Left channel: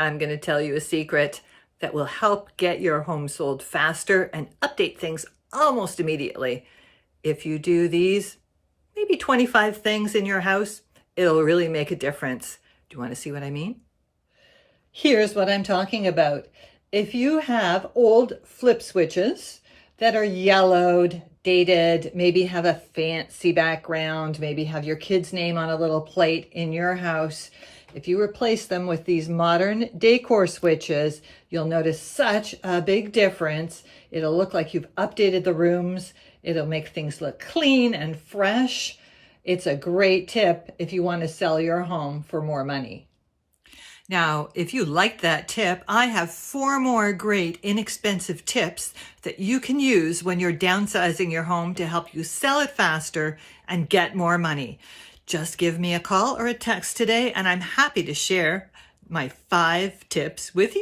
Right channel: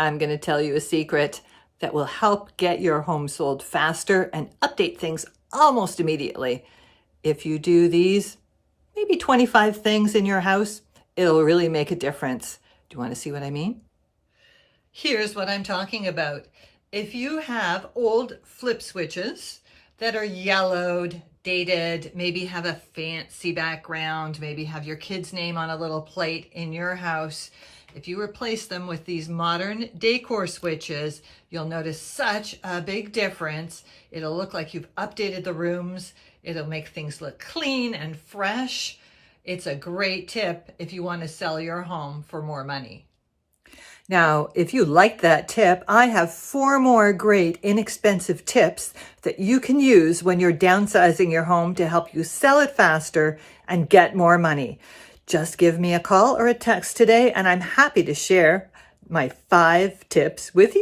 I'm going to tell you a secret that will help get your home sold faster and update things almost immediately. If you do these, maybe 25 things in your house, it'll really make a difference. Do you want to see what I mean? Here's what I'm talking about. If you have old flip switches that are yellowed, dated, maybe have a fancy background, maybe have your kid's name on a little plate in your house, if you replace them with these modern decor switches, you'll notice such a big difference. It'll look like you've updated the rooms. It'll make things look clean and fresh. It's a great tip if you want to sell your home for more money. Now, if you liked that tip, I have 4 more great inexpensive tips that you can use when you're downsizing your home to help you sell it faster and get more money. Just give me a call or a text today, and I'm happy to share my 5 tips with you.